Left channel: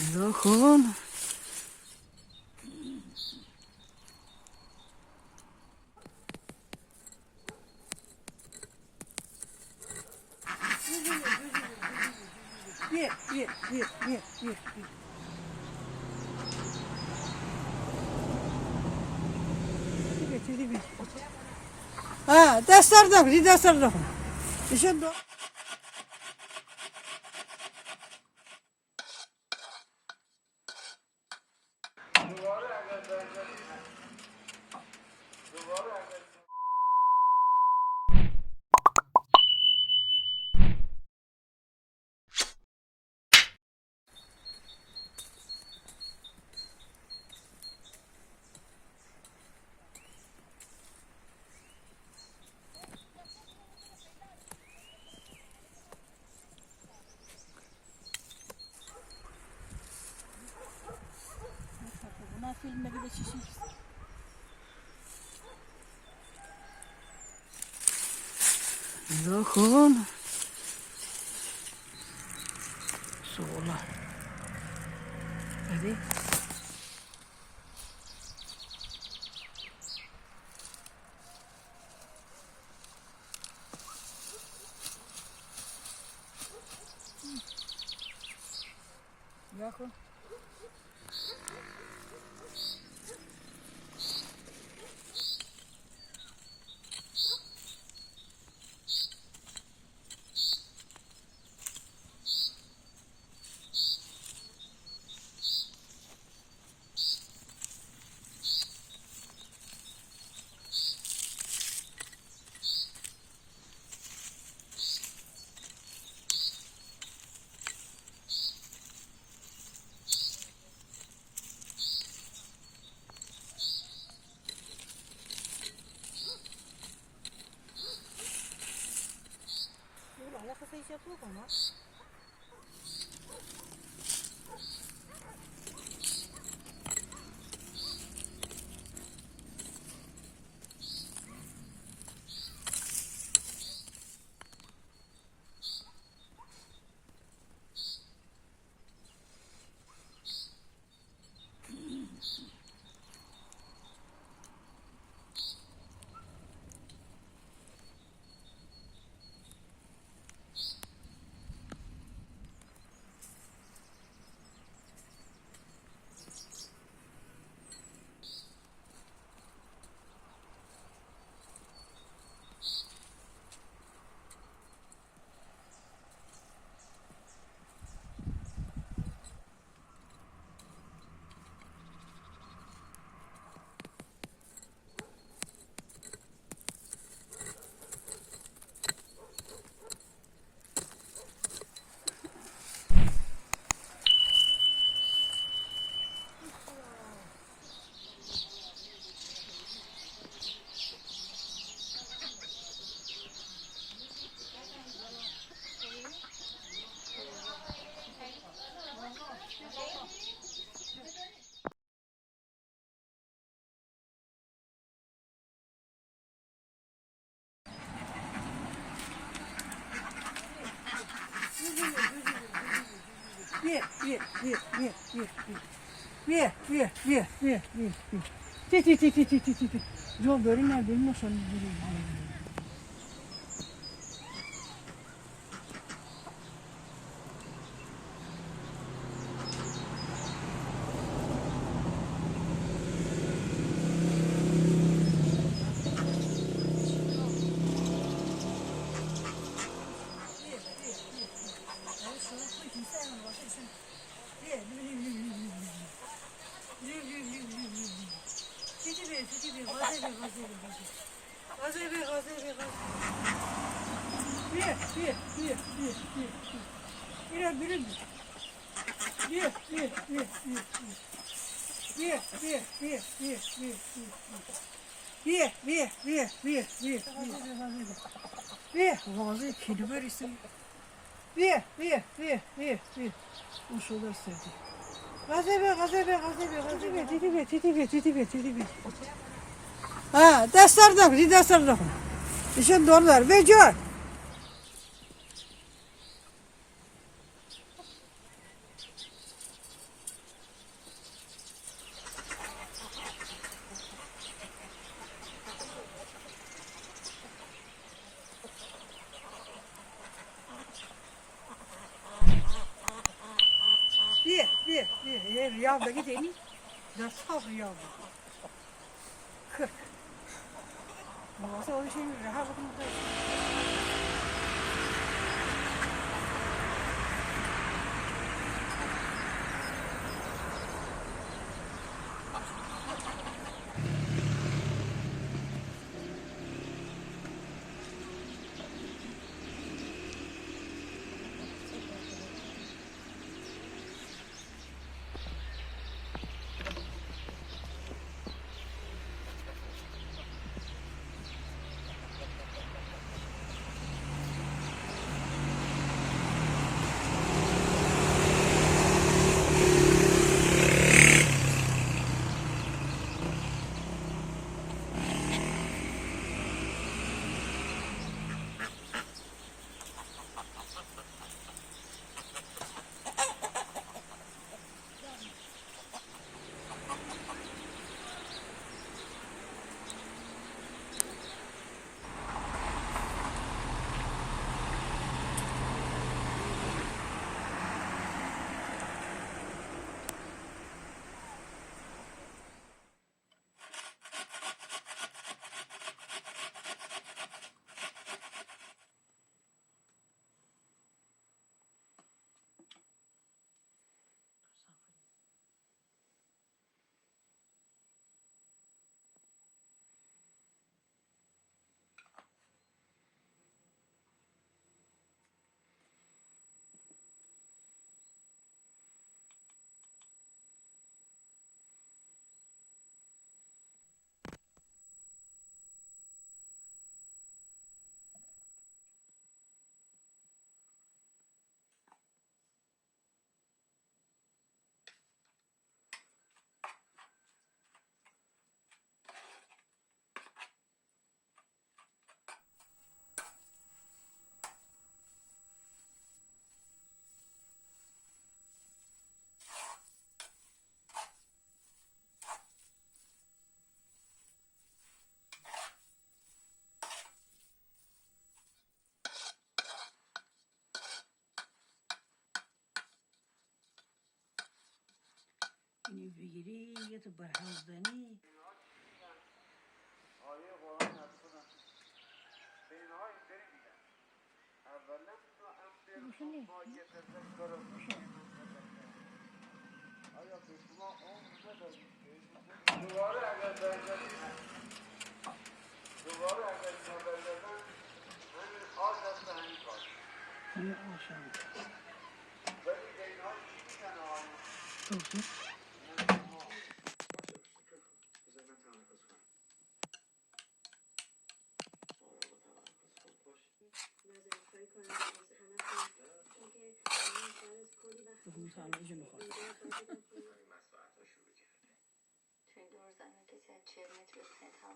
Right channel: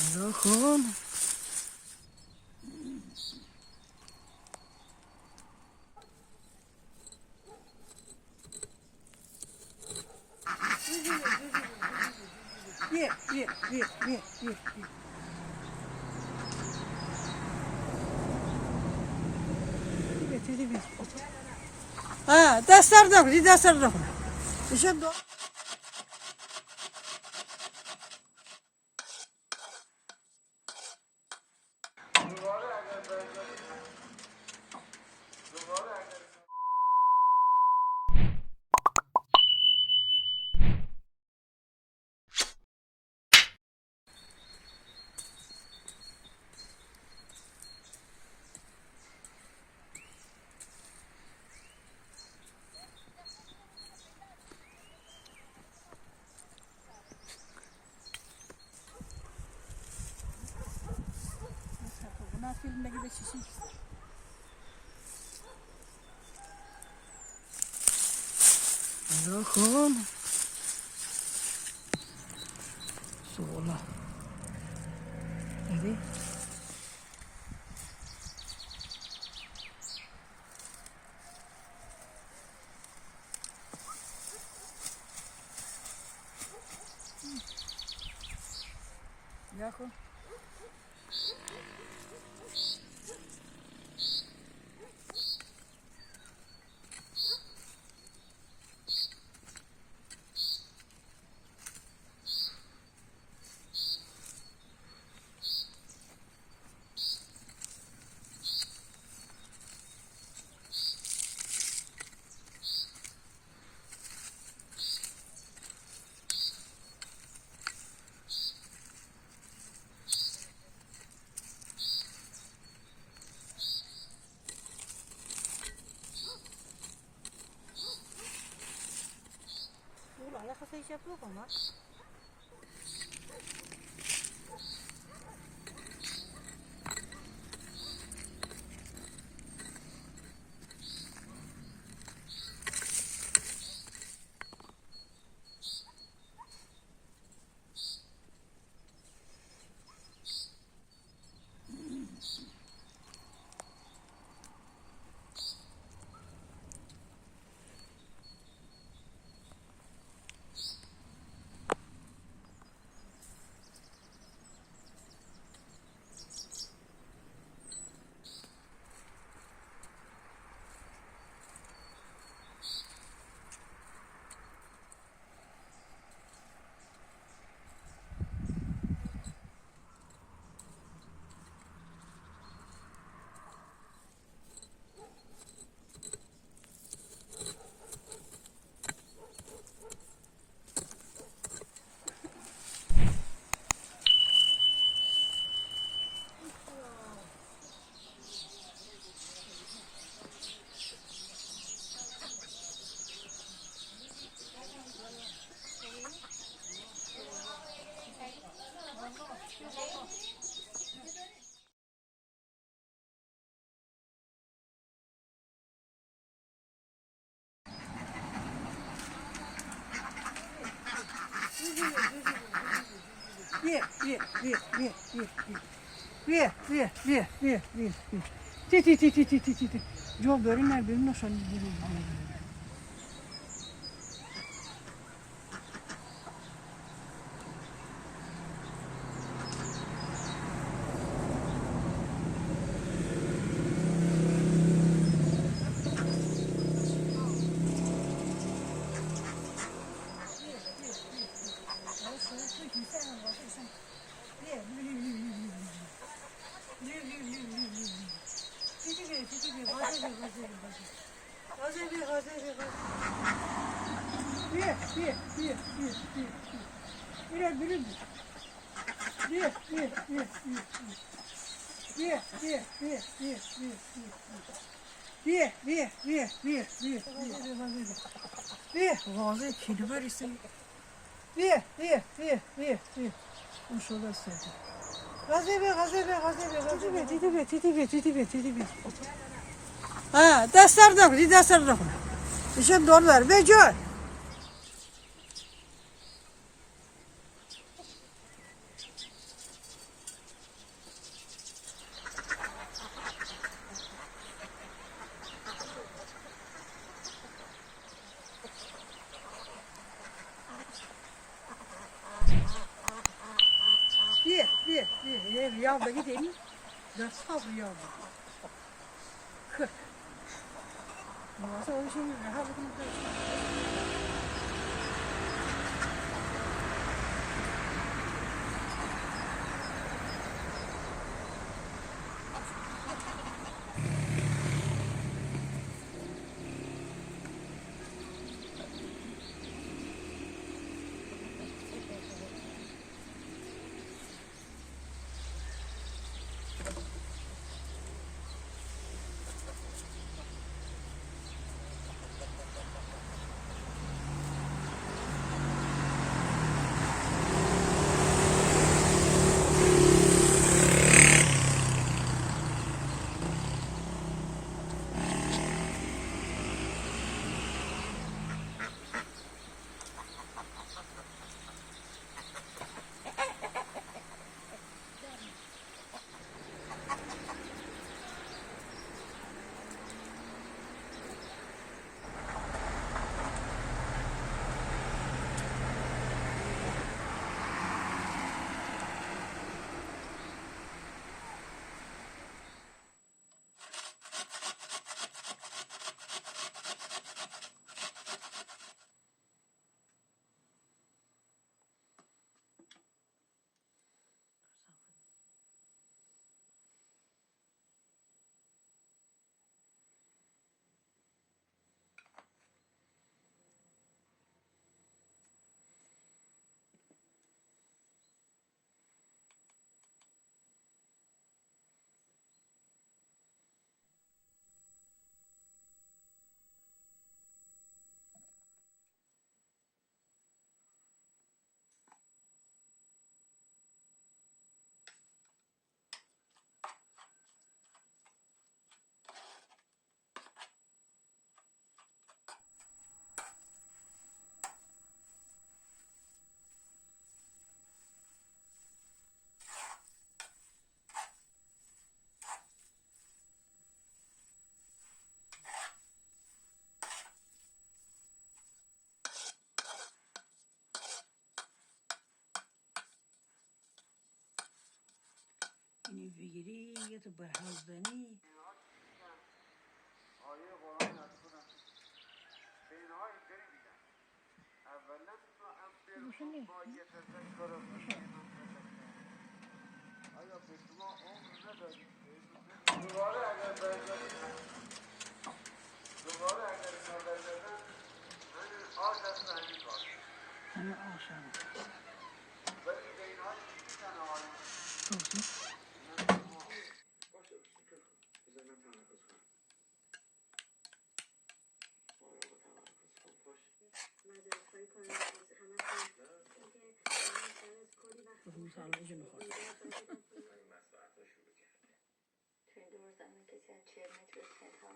Bakın. Bir. Ha, dersler de. İşte buna filmdeki de şişmiş. Bakın. Soğula. Hadi. Bakın. Ya kasa iş yapıyor ama. Bir. Ti. Yo görünme bilmiyorsan. Bir. Vallahi kedi var ise. Bir. Şurada sevdi. Gazebe. Ha, dersler de. İşte doğrular. Ve gör. یه ریال بگید اینی دست ها ریال واسه اونشون رها بکنم اینی بگیری یه تو برهوزدنی آیه قرآن هستن به اینها اینطوری میگن اولا ما یه تذکر آیا به شما عمر ندارید دوباره اگر برگردید همین آز هست همین کار همه آشان ولی به اینها چی میگن آیه بذار من تمرکز کنم بخون سالمشو میخواد توی دور زمین کسی از 40 متر به